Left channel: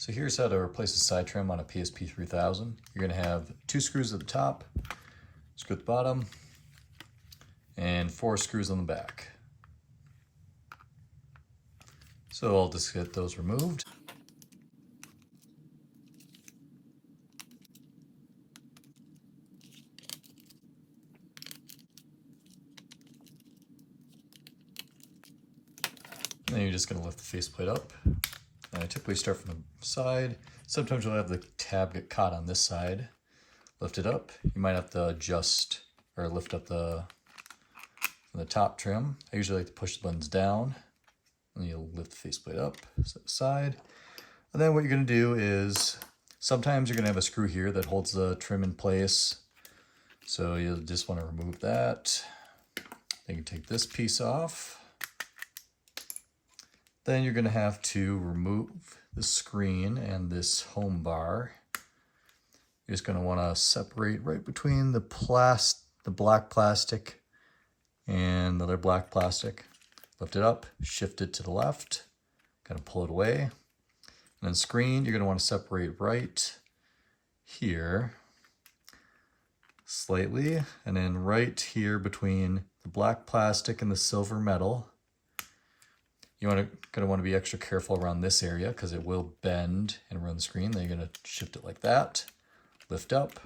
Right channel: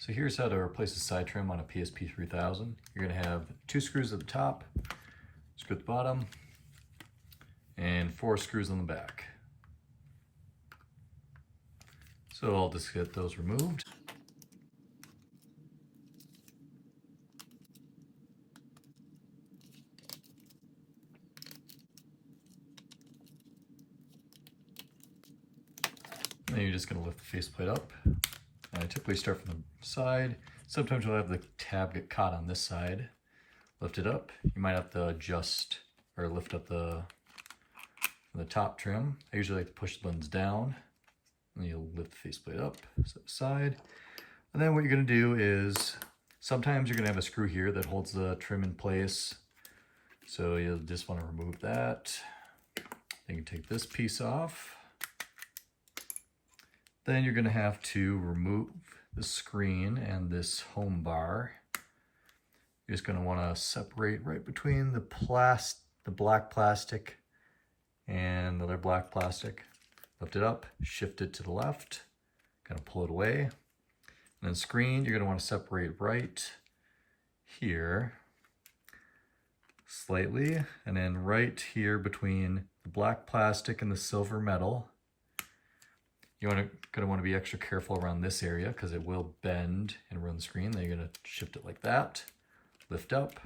So here's how to replace the side trim on a PSP 3000. You're going to have 2 screws at the top, screw at the bottom, and 4 screws on the back. So I'll just get those removed. And then you're just going to lift the faceplate up. And I typically start from the side. Sometimes you'll have the tab get caught on this side. Lift it up. You might have to adjust or lift up the top trim. I usually like to push the buttons down. And you'll lift the faceplate up, set aside. And then what you're going to do is, sometimes you're going to have a screw here that holds the trim in place. So you'll just want to remove that. Then you can take this piece off. Then you're going to have to remove the screen and this home bar. You're just going to want to separate right between the black plastic and the other black plastic. Lift it up, shift it to the left, kind of pull it away. And then screen, you're going to want to separate right here slightly, and then right here between the black plastic and the silver metal. You're going to want to be extra careful around this area because it will bend and ruin the screen. Then you're going to shift it like that, lift up,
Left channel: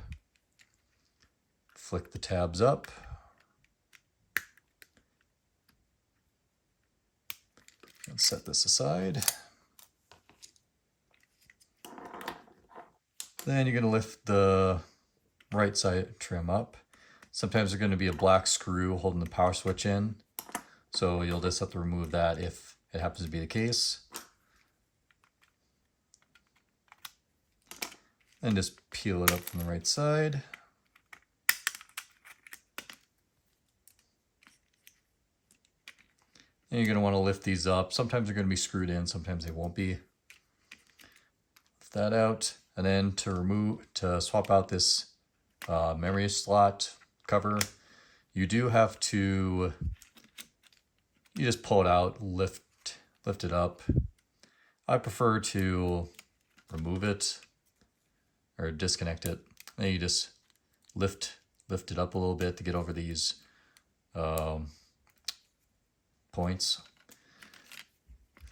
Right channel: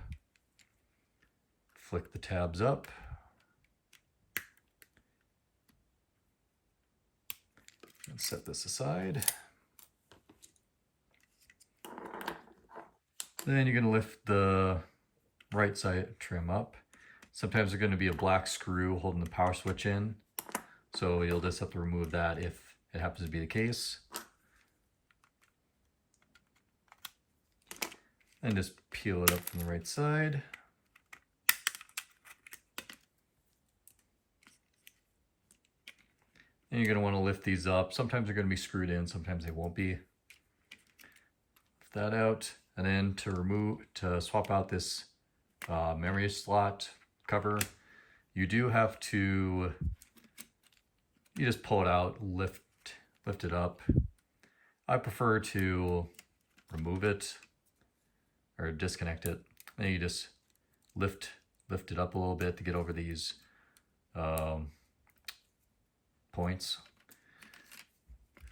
flick the tabs up, and set this aside. Then you're going to lift the right side trim up. Sometimes there's going to be a black screw holding the power switch in, so you'll just have to remove that if it happens to be the case. And just peel it up from the right side. And you're going to want to lift these up. Sometimes they're going to be screwed in, sometimes they won't be. Lift that out. And then to swap out this memory slot cover, you do have to, you just pull it out, lift it up. I prefer to remove it or disconnect it. Then you just lift it up a little bit to get over these points.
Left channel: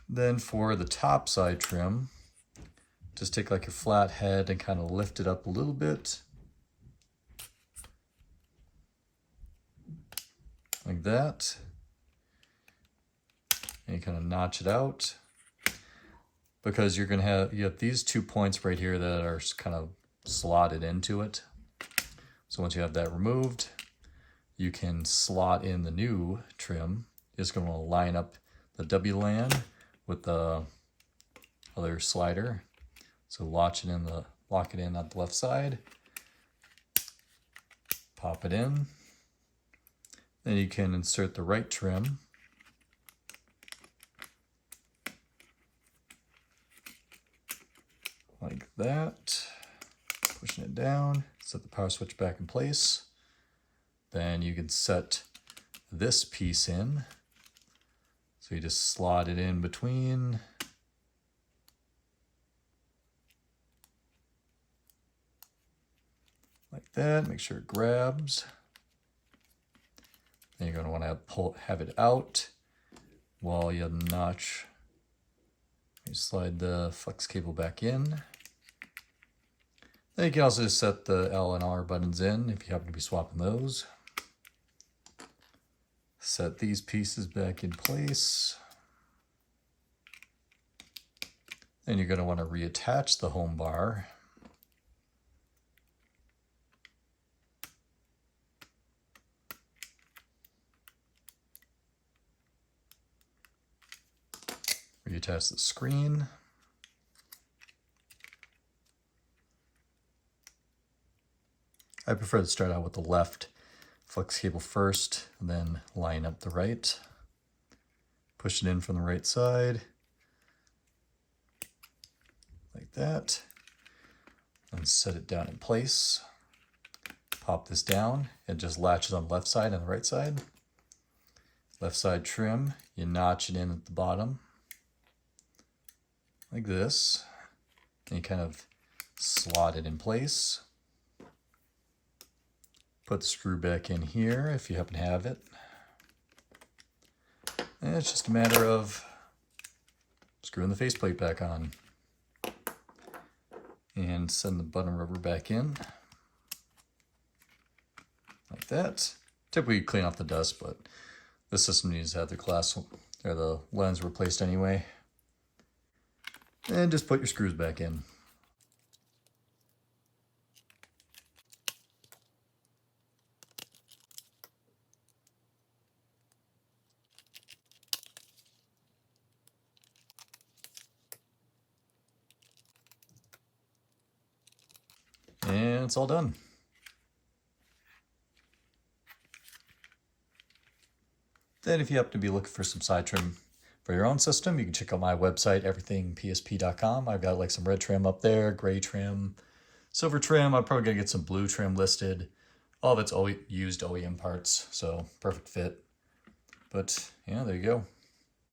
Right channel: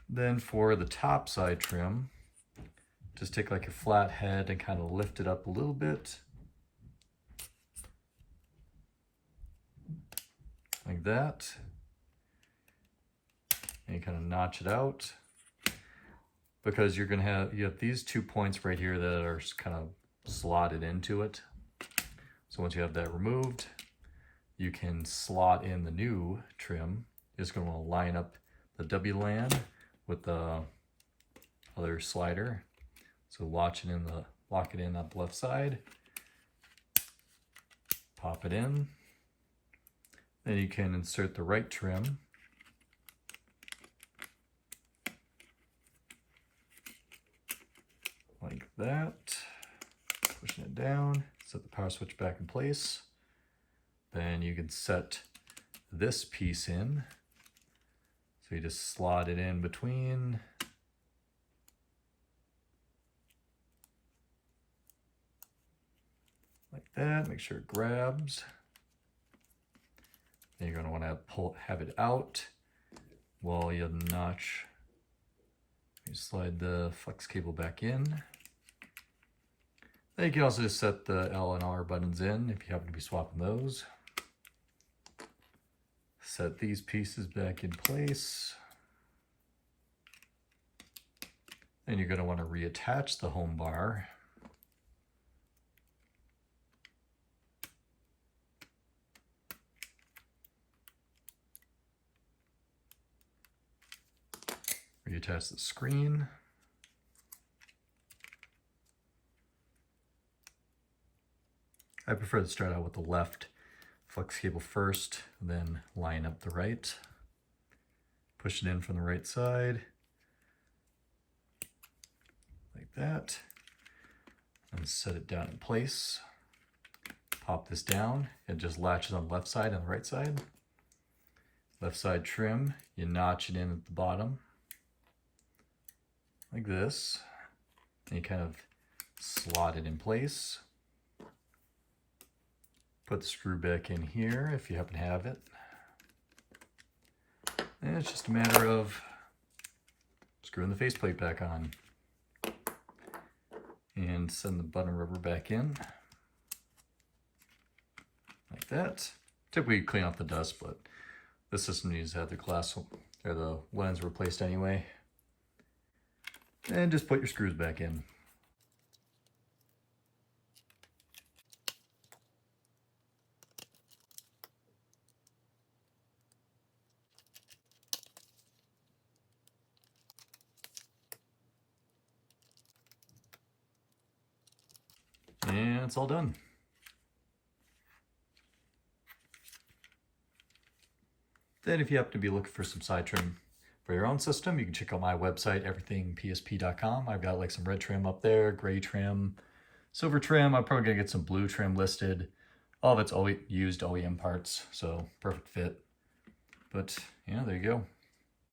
Then for the top side trim, just take like your flat head and kind of lift it up a little bit. Like that. And you kind of notch it out, because you have these 2 points right here that are kind of slotted into it. So once you have that removed, you can slot in the new trim. You're just going to line up the W-LAN with the other slider. So lock it in on the left side, pop it in. Then you can insert the right trim. Like that, pushing it down, set the power switch back in place. Then you can set this piece in. So you just slot it in between. Like that, make sure it grabs. Then you're going to want to have it out while you notch. You slide the flex cable back in. Then you can also just set the L and R buttons in if you happen to be swapping those. Set these pieces back in place. Then you're going to want to reattach the home bar. Reattach the screen. I prefer to start out with the left flex cable first, and then line up the right. Push it in from the right side, like that, and set it down in place. Pop this down, and just latch it on the left side and the right side. Left side trim, you notch it in at the bottom, like this. And you kind of slot it in place. Put the screw back in here if you happen to have it. And it's just a matter of screwing the faceplate back on. And send the button rubber back in. Like that. Typically clean off the dust, but this system needs to have the glass or the lens replaced anyway. And just put your screws back in. And it's all done. Then if you happen to be looking for some side trim for your own system, you can check out my website, everythingpsp.com. I've got like some red trim up there, gray trim, silver trim. I'm probably gonna get some blue trim listed. All of it's used OEM parts, so perfect fit. But yeah, there you go.